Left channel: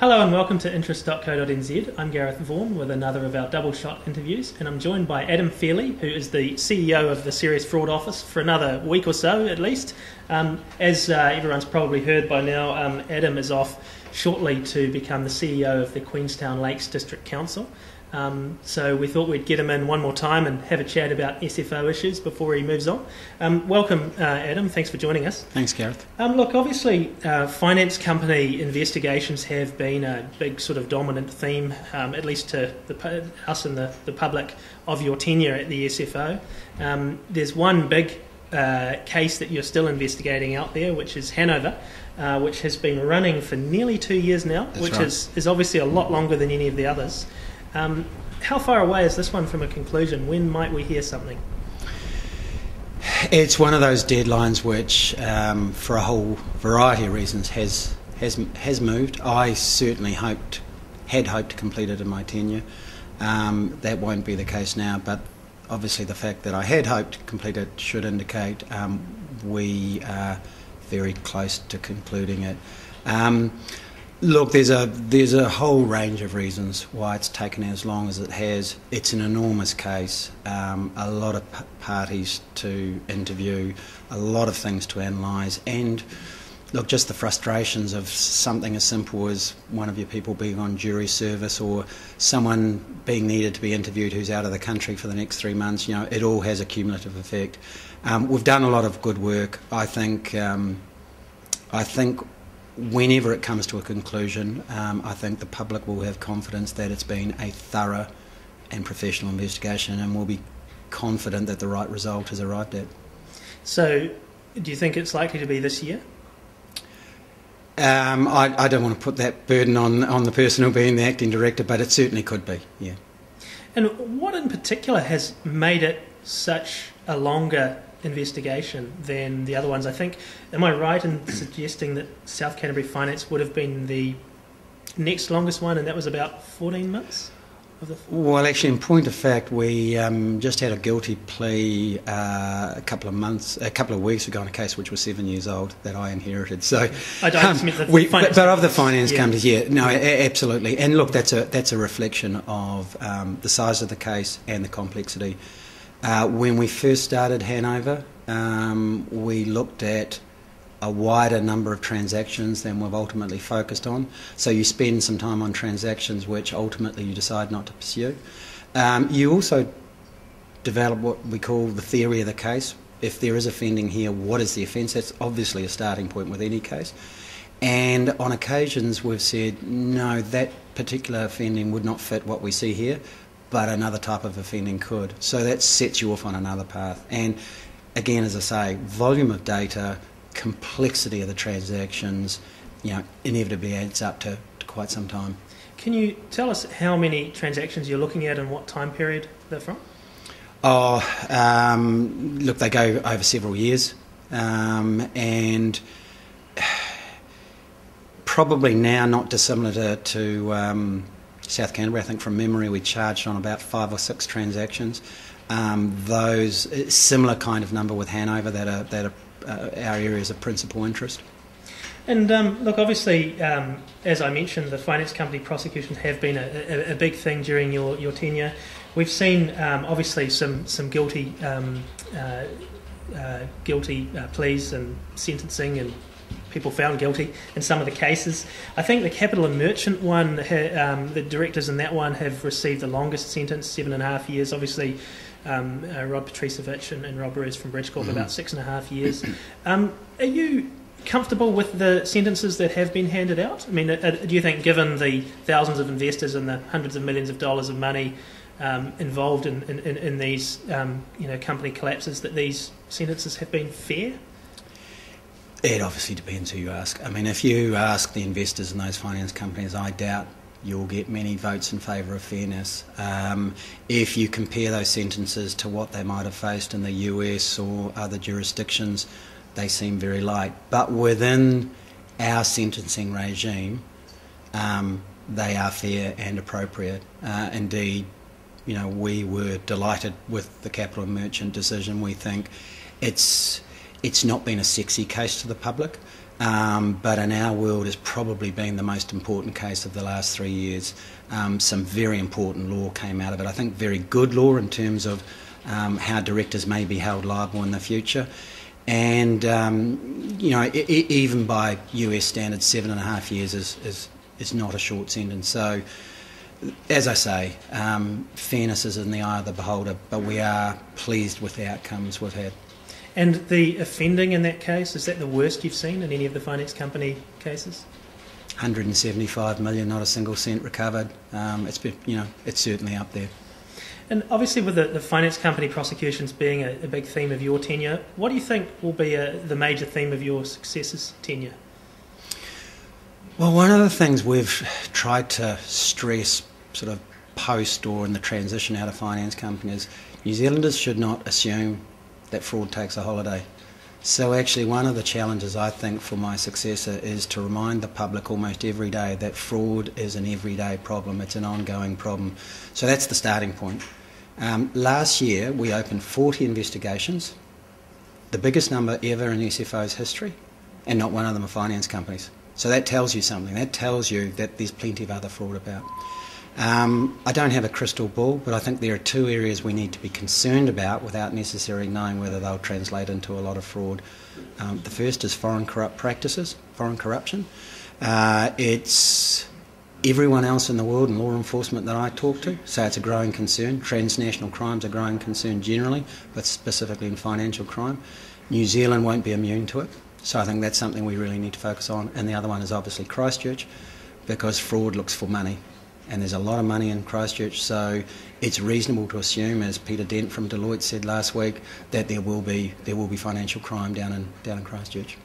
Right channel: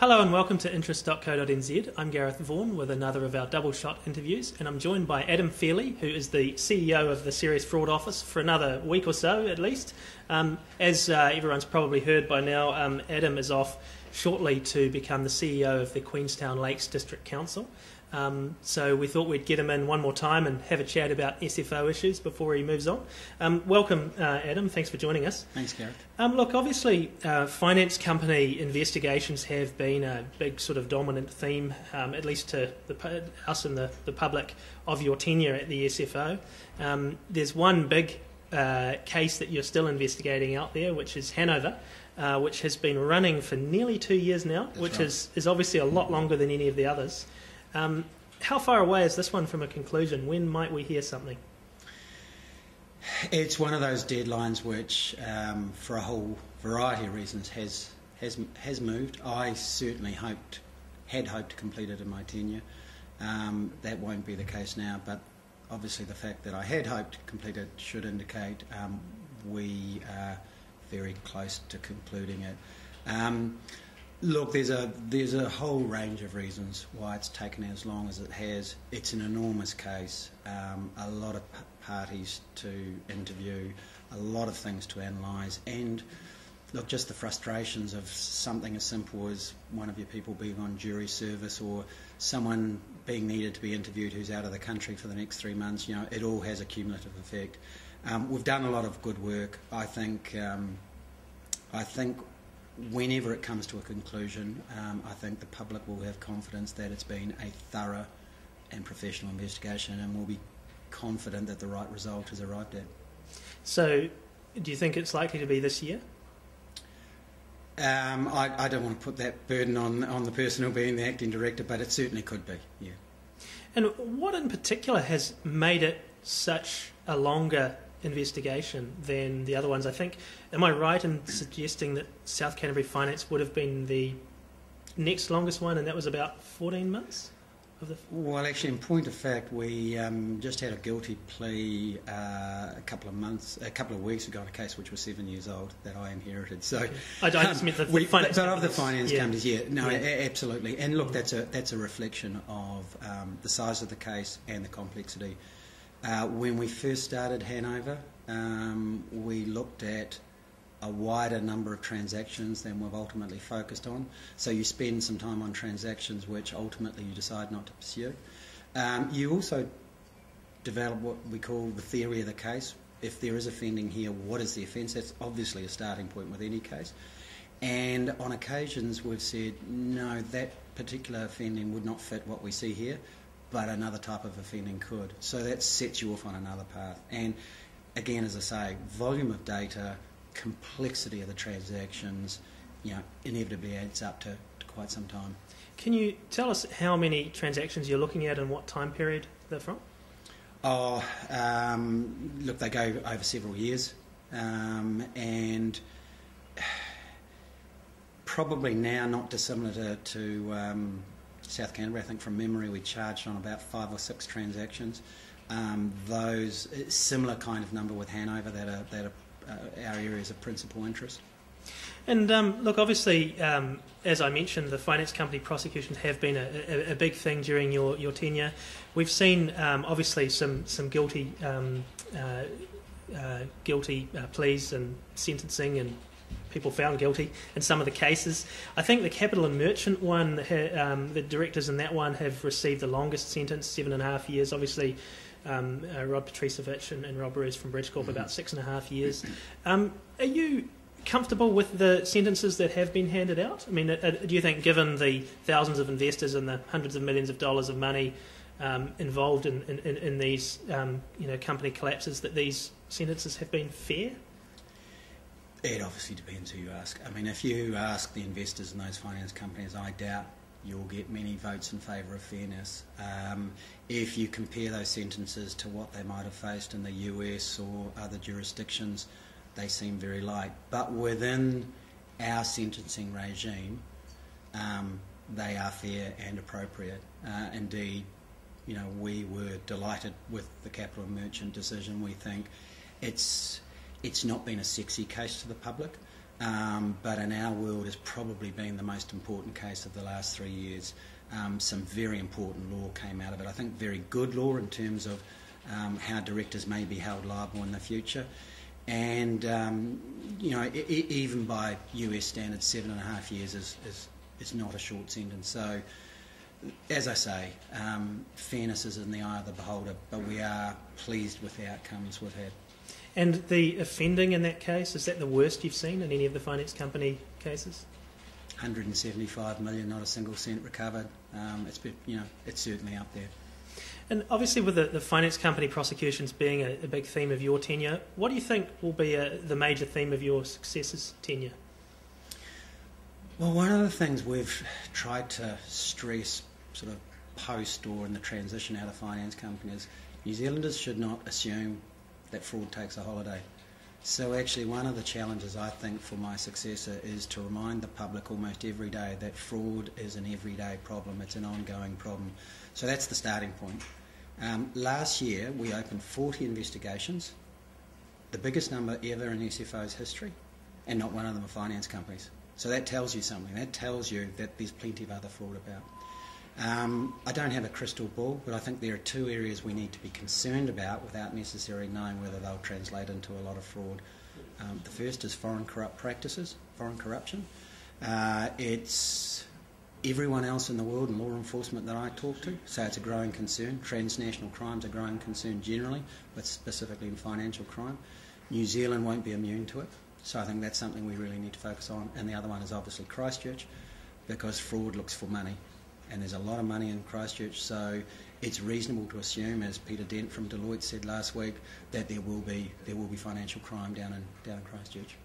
Hello and welcome to interest.co.nz. I'm Gareth Vaughan with another of our double shot interviews, and I'm joined by Adam Feeley, who is the CEO of the Serious Fraud Office for another week or so at least. As everyone's probably heard by now, Adam is off shortly to become the CEO of the Queenstown Lakes District Council. So we thought we'd get him in one more time and have a chat about SFO issues before he moves on. Welcome, Adam. Thanks for joining us. Thanks, Gareth. Look, obviously, finance company investigations have been a big sort of dominant theme, at least to us and the public, of your tenure at the SFO. There's one big case that you're still investigating out there, which is Hanover, which has been running for nearly 2 years now, That's which right. is obviously a lot longer than any of the others. How far away is this one from a conclusion? When might we hear something? It's one of those deadlines which, for a whole variety of reasons, has moved. I certainly had hoped to complete it in my tenure. That won't be the case now, but obviously the fact that I had hoped to complete it should indicate we are very close to concluding it. Look, there's a whole range of reasons why it's taken as long as it has. It's an enormous case, a lot of parties to interview, a lot of things to analyse, and look, just the frustrations of something as simple as one of your people being on jury service or someone being needed to be interviewed who's out of the country for the next 3 months. You know, it all has a cumulative effect. We've done a lot of good work. I think whenever it comes to a conclusion, I think the public will have confidence that it's been a thorough and professional investigation, and will be confident that the right result is arrived at. So, do you think it's likely to be this year? I don't want to put that burden on the person who'll be the acting director, but it certainly could be, yeah. And what in particular has made it such a longer investigation than the other ones? I think, am I right in suggesting that South Canterbury Finance would have been the next longest one, and that was about 14 months? Well, actually, in point of fact, we just had a guilty plea a couple of weeks ago on a case which was 7 years old that I inherited. So, I don't mean the finance, but of the finance companies, yeah. no, absolutely. And look, that's a reflection of the size of the case and the complexity. When we first started Hanover, we looked at a wider number of transactions than we've ultimately focused on. So you spend some time on transactions which ultimately you decide not to pursue. You also develop what we call the theory of the case. If there is offending here, what is the offence? That's obviously a starting point with any case. And on occasions we've said, no, that particular offending would not fit what we see here, but another type of offending could. So that sets you off on another path. And again, as I say, volume of data, complexity of the transactions, inevitably adds up to quite some time. Can you tell us how many transactions you're looking at and what time period they're from? Look, they go over several years, and probably now not dissimilar to South Canterbury. I think from memory we charged on about 5 or 6 transactions. Those similar kind of number with Hanover that are our areas of principal interest. And look, obviously, as I mentioned, the finance company prosecutions have been a big thing during your tenure. We've seen obviously some guilty pleas and sentencing and people found guilty in some of the cases. I think the Capital and Merchant one, the directors in that one have received the longest sentence, 7.5 years. Obviously, Rob Patricevic and Rob Roos from Bridgecorp about 6.5 years. Are you comfortable with the sentences that have been handed out? I mean, do you think, given the thousands of investors and the hundreds of millions of dollars of money involved in these company collapses, that these sentences have been fair? It obviously depends who you ask. I mean, if you ask the investors in those finance companies, I doubt you'll get many votes in favour of fairness. If you compare those sentences to what they might have faced in the US or other jurisdictions, they seem very light. But within our sentencing regime, they are fair and appropriate. Indeed, we were delighted with the Capital and Merchant decision. We think it's not been a sexy case to the public. but in our world has probably been the most important case of the last 3 years. Some very important law came out of it. I think very good law in terms of how directors may be held liable in the future. And, even by US standards, 7.5 years is not a short sentence. So, as I say, fairness is in the eye of the beholder, but we are pleased with the outcomes we've had. And the offending in that case, is that the worst you've seen in any of the finance company cases? 175 million, not a single cent recovered. It's certainly up there. And obviously with the finance company prosecutions being a big theme of your tenure, what do you think will be the major theme of your successor's tenure? Well, one of the things we've tried to stress sort of post or in the transition out of finance companies, New Zealanders should not assume that fraud takes a holiday. So actually one of the challenges I think for my successor is to remind the public almost every day that fraud is an everyday problem, it's an ongoing problem. So that's the starting point. Last year we opened 40 investigations, the biggest number ever in SFO's history, and not one of them are finance companies. So that tells you something. That tells you that there's plenty of other fraud about. I don't have a crystal ball, but I think there are two areas we need to be concerned about without necessarily knowing whether they'll translate into a lot of fraud. The first is foreign corruption. It's everyone else in the world in law enforcement that I talk to, so it's a growing concern. Transnational crime's a growing concern generally, but specifically in financial crime. New Zealand won't be immune to it, so I think that's something we really need to focus on. And the other one is obviously Christchurch, because fraud looks for money. And there's a lot of money in Christchurch, so it's reasonable to assume, as Peter Dent from Deloitte said last week, that there will be financial crime down in Christchurch.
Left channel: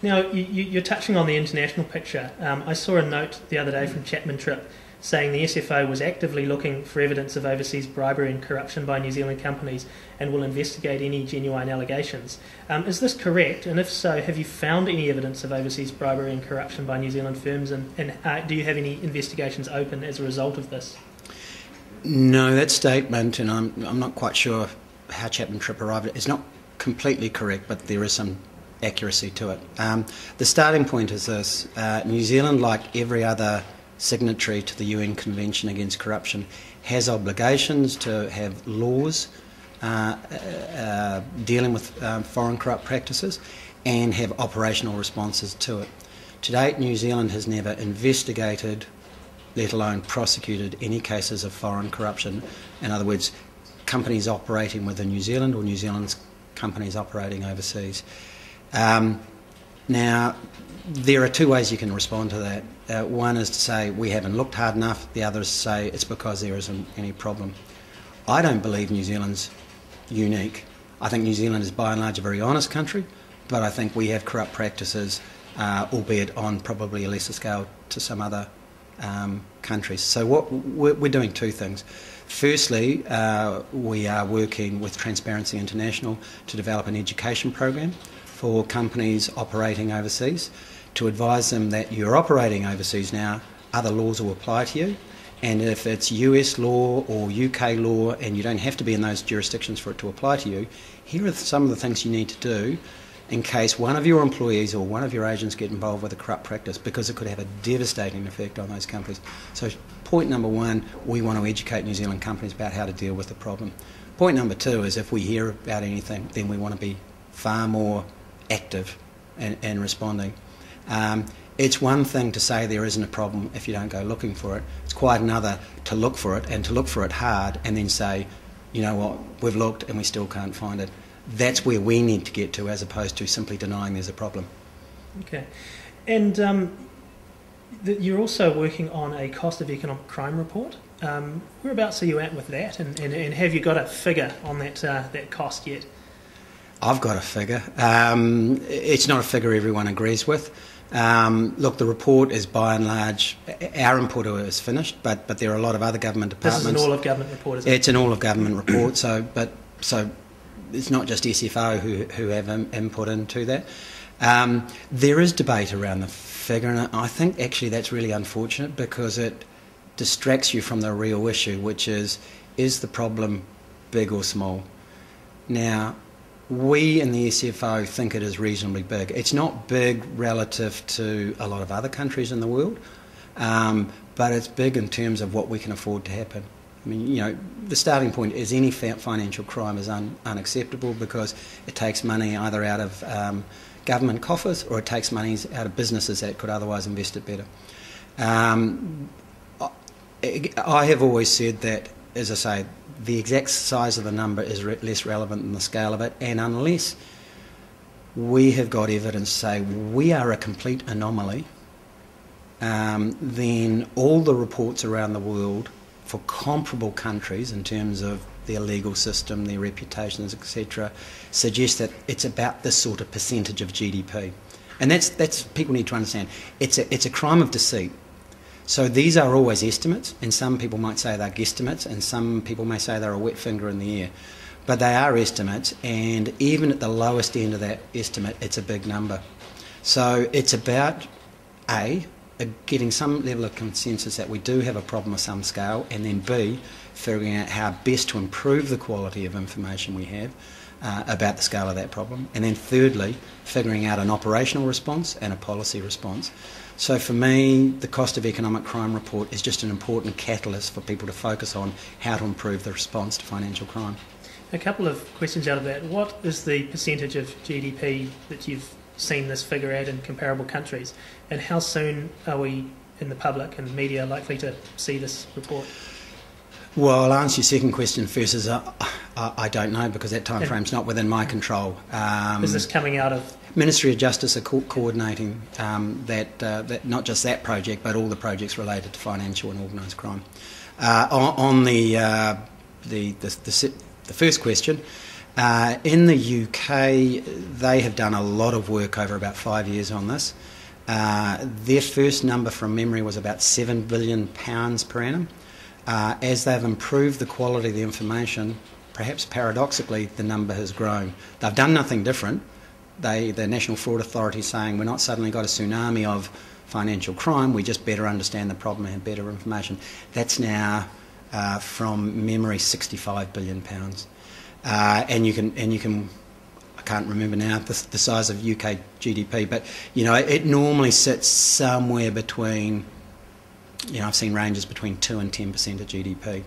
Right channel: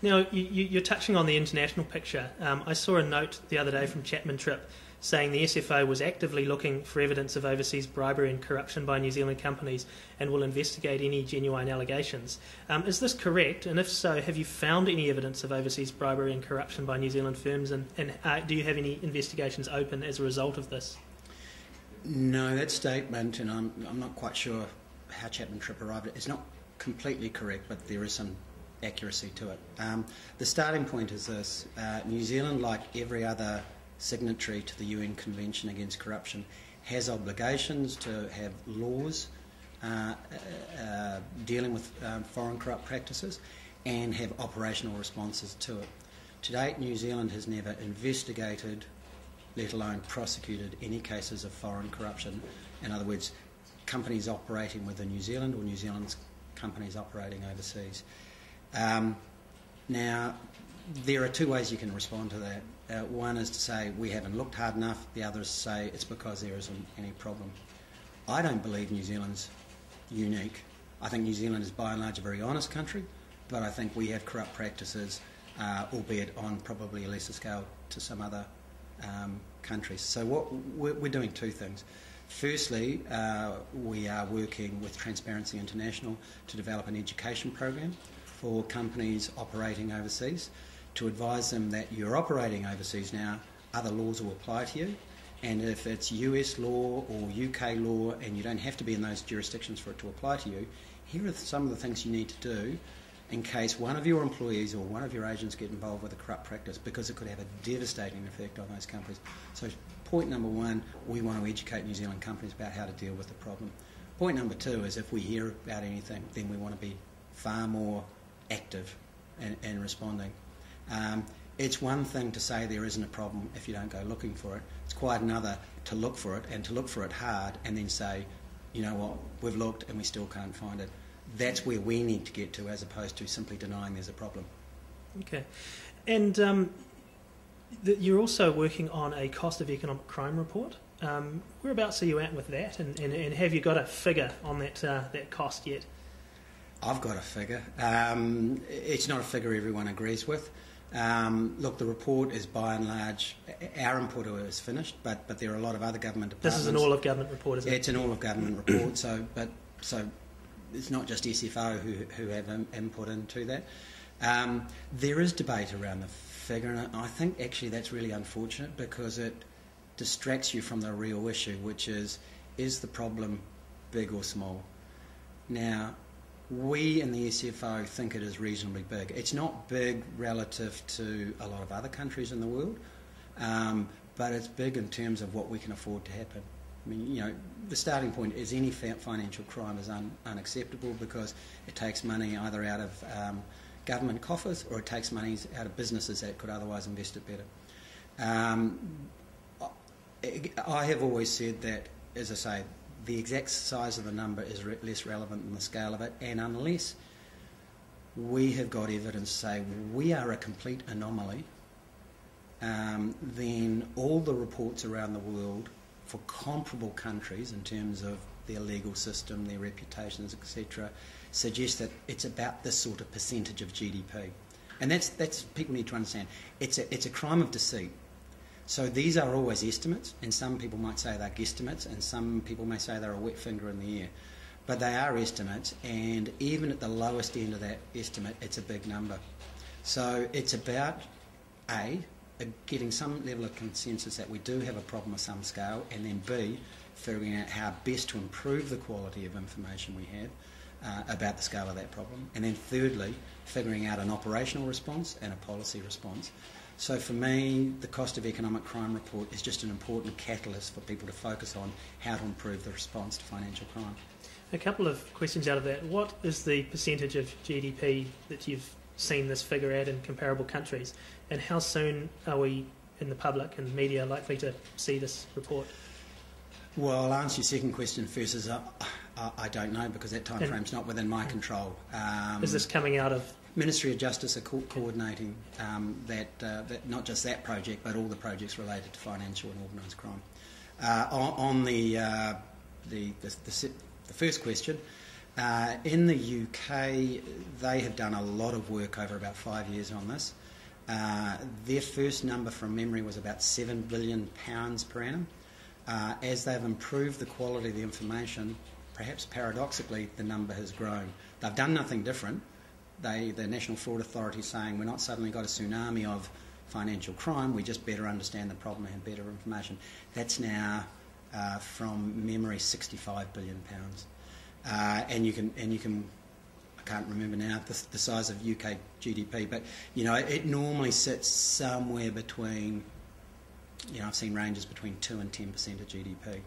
Now, you're touching on the international picture. I saw a note the other day from Chapman Tripp saying the SFO was actively looking for evidence of overseas bribery and corruption by New Zealand companies and will investigate any genuine allegations. Is this correct? And if so, have you found any evidence of overseas bribery and corruption by New Zealand firms? And do you have any investigations open as a result of this? No, that statement, and I'm not quite sure how Chapman Tripp arrived at it, it's not completely correct, but there is some accuracy to it. The starting point is this. New Zealand, like every other signatory to the UN Convention Against Corruption, has obligations to have laws dealing with foreign corrupt practices and have operational responses to it. To date, New Zealand has never investigated, let alone prosecuted, any cases of foreign corruption. In other words, companies operating within New Zealand or New Zealand's companies operating overseas. Now, there are two ways you can respond to that. One is to say we haven't looked hard enough, the other is to say it's because there isn't any problem. I don't believe New Zealand's unique. I think New Zealand is by and large a very honest country, but I think we have corrupt practices, albeit on probably a lesser scale to some other countries. So we're doing two things. Firstly, we are working with Transparency International to develop an education program for companies operating overseas, to advise them that you're operating overseas now, other laws will apply to you, and if it's US law or UK law and you don't have to be in those jurisdictions for it to apply to you, here are some of the things you need to do in case one of your employees or one of your agents get involved with a corrupt practice, because it could have a devastating effect on those companies. So point number one, we want to educate New Zealand companies about how to deal with the problem. Point number two is if we hear about anything, then we want to be far more active in responding. It's one thing to say there isn't a problem if you don't go looking for it. It's quite another to look for it, and to look for it hard and then say, you know what, we've looked and we still can't find it. That's where we need to get to, as opposed to simply denying there's a problem. Okay. And you're also working on a cost of economic crime report. Whereabouts are you at with that, and have you got a figure on that cost yet? I've got a figure. It's not a figure everyone agrees with. Look, the report is by and large, our input is finished, but there are a lot of other government departments. This is an all-of-government report, isn't it? It's an all-of-government report, so it's not just SFO who have input into that. There is debate around the figure, and I think actually that's really unfortunate because it distracts you from the real issue, which is the problem big or small? Now, We in the SFO think it is reasonably big. It's not big relative to a lot of other countries in the world, but it's big in terms of what we can afford to happen. I mean, you know, the starting point is any financial crime is unacceptable because it takes money either out of government coffers or it takes money out of businesses that could otherwise invest it better. I have always said that, as I say, the exact size of the number is less relevant than the scale of it, and unless we have got evidence to say we are a complete anomaly, then all the reports around the world for comparable countries in terms of their legal system, their reputations, etc., suggest that it's about this sort of percentage of GDP. And that's people need to understand. It's a crime of deceit. So these are always estimates, and some people might say they're guesstimates, and some people may say they're a wet finger in the air. But they are estimates, and even at the lowest end of that estimate, it's a big number. So it's about, A, getting some level of consensus that we do have a problem of some scale, and then B, figuring out how best to improve the quality of information we have about the scale of that problem, and then thirdly, figuring out an operational response and a policy response. So for me, the Cost of Economic Crime report is just an important catalyst for people to focus on how to improve the response to financial crime. A couple of questions out of that. What is the percentage of GDP that you've seen this figure at in comparable countries, and how soon are we in the public and media likely to see this report? Well, I'll answer your second question first. I don't know, because that time frame's not within my control. Is this coming out of? Ministry of Justice are coordinating that not just that project, but all the projects related to financial and organised crime. On the first question, in the UK, they have done a lot of work over about 5 years on this. Their first number from memory was about £7 billion per annum. As they've improved the quality of the information, perhaps paradoxically, the number has grown. They've done nothing different. The National Fraud Authority is saying we're not suddenly got a tsunami of financial crime, we just better understand the problem and have better information. That's now, from memory, £65 billion. And you can, I can't remember now the size of UK GDP, but you know it normally sits somewhere between, you know, I've seen ranges between 2 and 10% of GDP.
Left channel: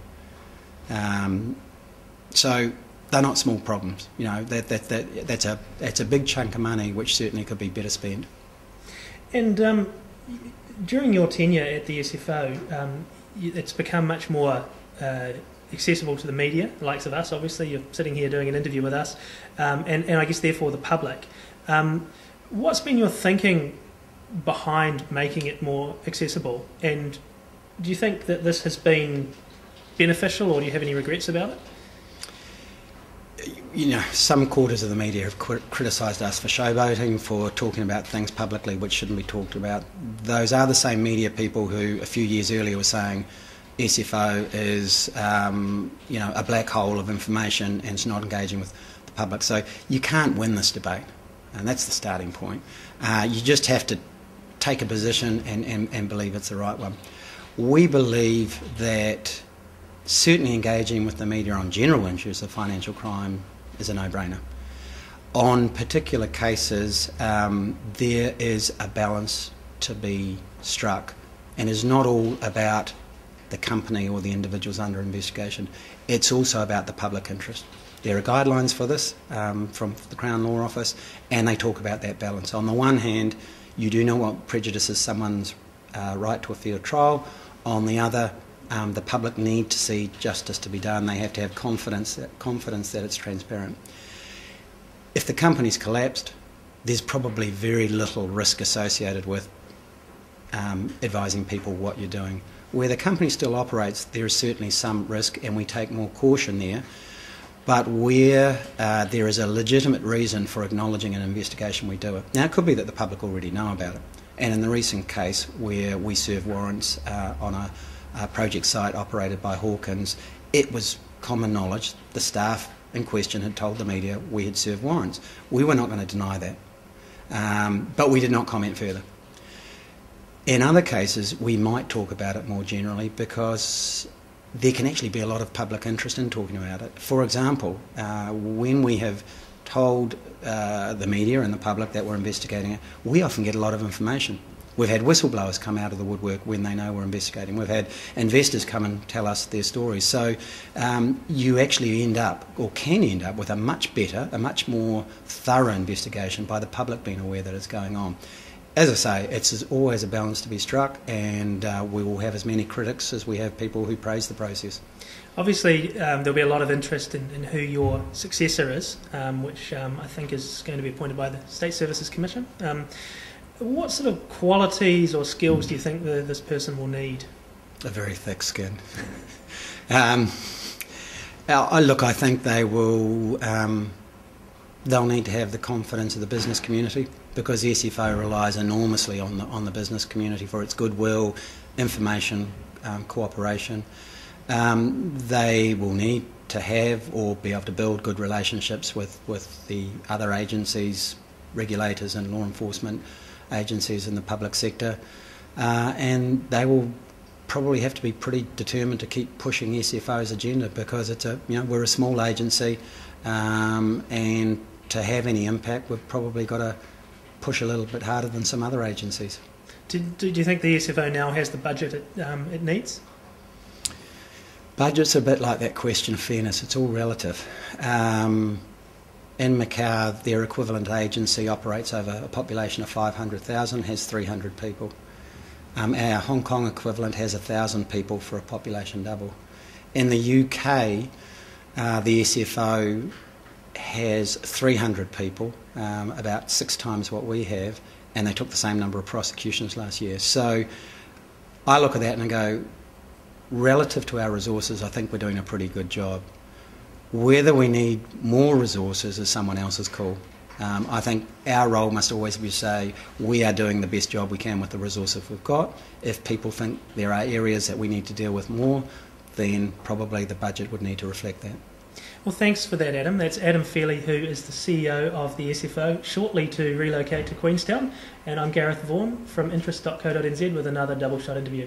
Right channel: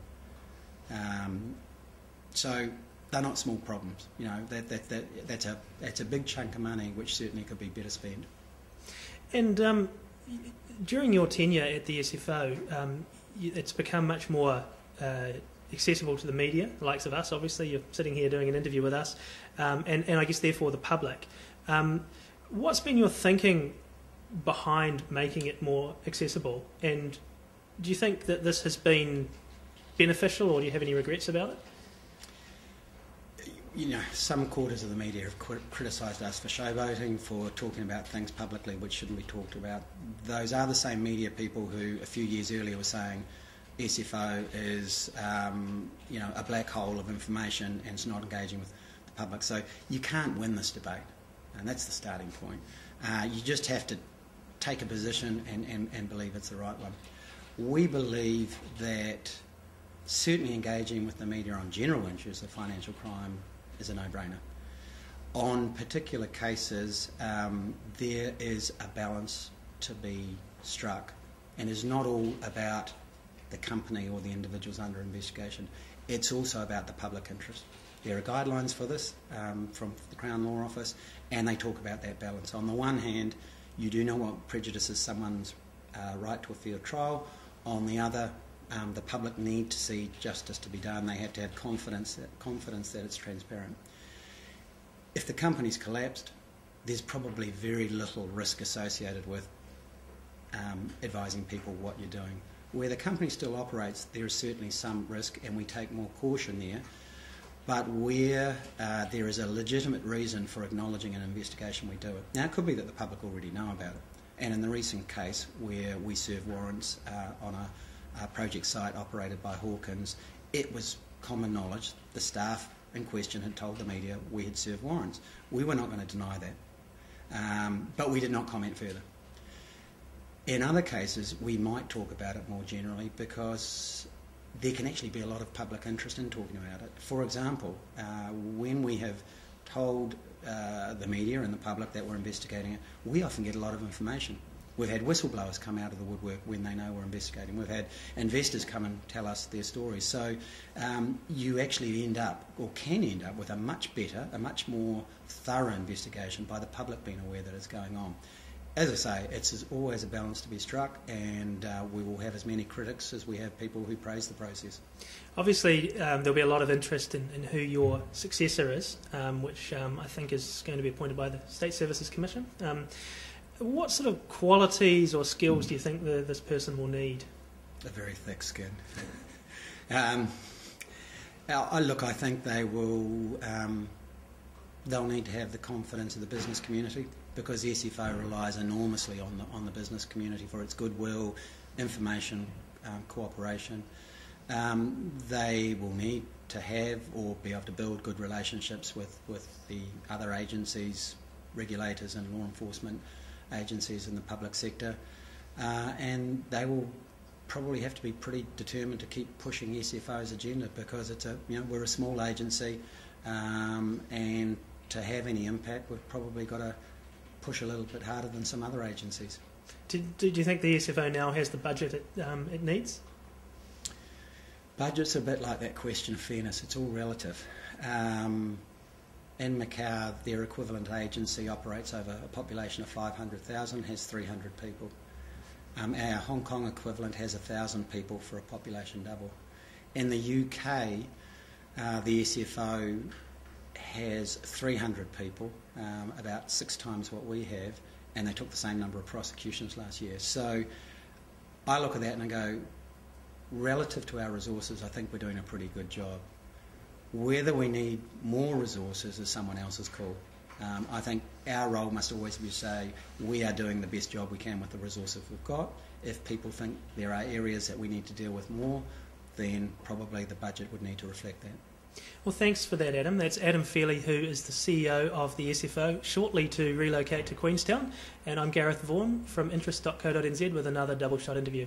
So they're not small problems. You know, that's a big chunk of money which certainly could be better spent. And during your tenure at the SFO, it's become much more accessible to the media, the likes of us. Obviously, you're sitting here doing an interview with us, and I guess therefore the public. What's been your thinking behind making it more accessible? And do you think that this has been beneficial, or do you have any regrets about it? You know, some quarters of the media have criticised us for showboating, for talking about things publicly which shouldn't be talked about. Those are the same media people who a few years earlier were saying SFO is, you know, a black hole of information and it's not engaging with the public. So you can't win this debate, and that's the starting point. You just have to take a position and believe it's the right one. We believe that certainly engaging with the media on general issues of financial crime is a no-brainer. On particular cases, there is a balance to be struck, and it's not all about the company or the individuals under investigation. It's also about the public interest. There are guidelines for this from the Crown Law Office, and they talk about that balance. On the one hand, you do know what prejudices someone's right to a fair trial. On the other, the public need to see justice to be done. They have to have confidence that it's transparent. If the company's collapsed, there's probably very little risk associated with advising people what you're doing. Where the company still operates, there is certainly some risk, and we take more caution there. But where there is a legitimate reason for acknowledging an investigation, we do it. Now, it could be that the public already know about it. And in the recent case where we served warrants on a project site operated by Hawkins, it was common knowledge. The staff in question had told the media we had served warrants. We were not going to deny that, but we did not comment further. In other cases, we might talk about it more generally because there can actually be a lot of public interest in talking about it. For example, when we have told the media and the public that we're investigating it, we often get a lot of information. We've had whistleblowers come out of the woodwork when they know we're investigating. We've had investors come and tell us their stories. So you actually end up, or can end up, with a much better, a much more thorough investigation by the public being aware that it's going on. As I say, it's always a balance to be struck, and we will have as many critics as we have people who praise the process. Obviously, there'll be a lot of interest in who your successor is, which I think is going to be appointed by the State Services Commission. What sort of qualities or skills do you think this person will need? A very thick skin. Look, I think they will. They'll need to have the confidence of the business community, because the SFO relies enormously on the business community for its goodwill, information, cooperation. They will need to have or be able to build good relationships with the other agencies, regulators and law enforcement agencies in the public sector, and they will probably have to be pretty determined to keep pushing SFO's agenda, because we're a small agency, and to have any impact we've probably got to push a little bit harder than some other agencies. Do you think the SFO now has the budget it needs? Budget's a bit like that question of fairness. It's all relative. In Macau, their equivalent agency operates over a population of 500,000, has 300 people. Our Hong Kong equivalent has 1,000 people for a population double. In the UK, the SFO has 300 people, about 6 times what we have, and they took the same number of prosecutions last year. So I look at that and I go, relative to our resources, I think we're doing a pretty good job. Whether we need more resources is someone else's call. I think our role must always be to say we are doing the best job we can with the resources we've got. If people think there are areas that we need to deal with more, then probably the budget would need to reflect that. Well, thanks for that, Adam. That's Adam Feeley, who is the CEO of the SFO, shortly to relocate to Queenstown. And I'm Gareth Vaughan from interest.co.nz with another Double Shot interview.